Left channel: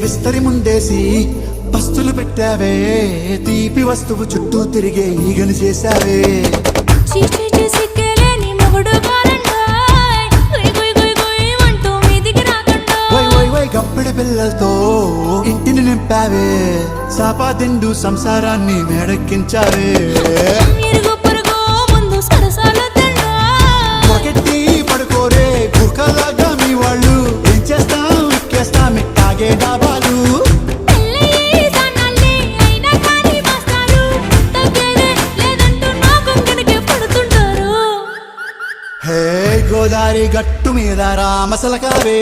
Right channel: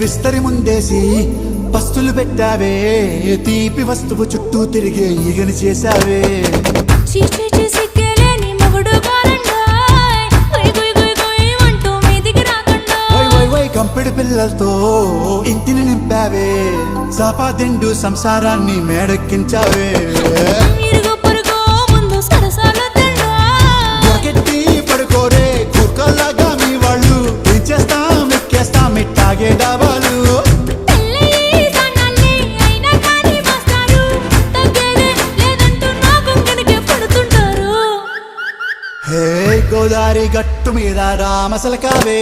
విస్తరి ముందేసి పస్తులు పెట్టావే తీపి వస్తువు చుట్టూ తిరిగే ఈగను చేశావే సిక్కేలేని మొగుడు అంటూ మీదికి రాకుండా గంపెడి పిల్లలతో ఇంటిని నింపావే సాపాదిండు సంసారాన్ని మేడెక్కించావే ఇరుగు పొరుగు ముందు సరసాలు పడుకోరే కుక్కలాగా మీ వాళ్ళు ఏం చేస్తాం ఎక్కేస్తాం ఇట్టాగే డాబాలు గోదారి గట్టు మీద రామసలకావే